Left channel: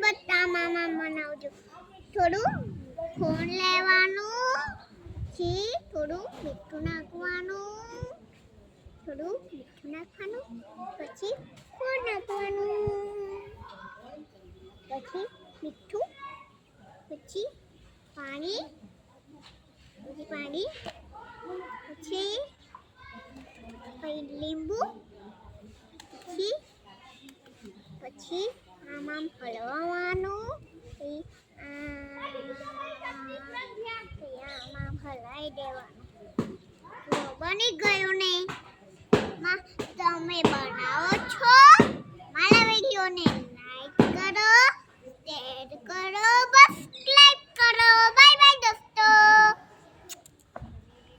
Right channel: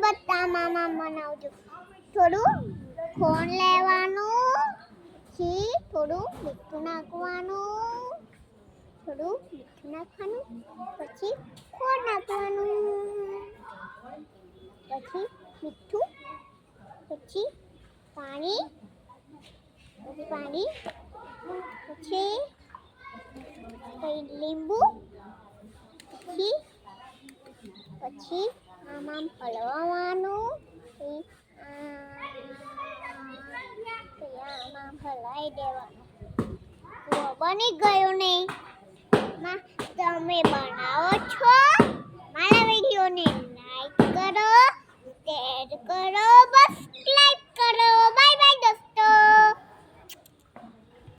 શરબત આમાં બનાવજો. થોડું ખોણ લેવાનું, પછી થોડું મીઠું નાખવાનું, પછી ખોણ નાખવાનું, પછી મીઠું, પછી પાણી, પછી લીંબુ, પછી આમાં હલવાનું, આમાં હલાવી દેવાનું. બની ગયું ને? તમે બનાવો છો? મારા વિડીયો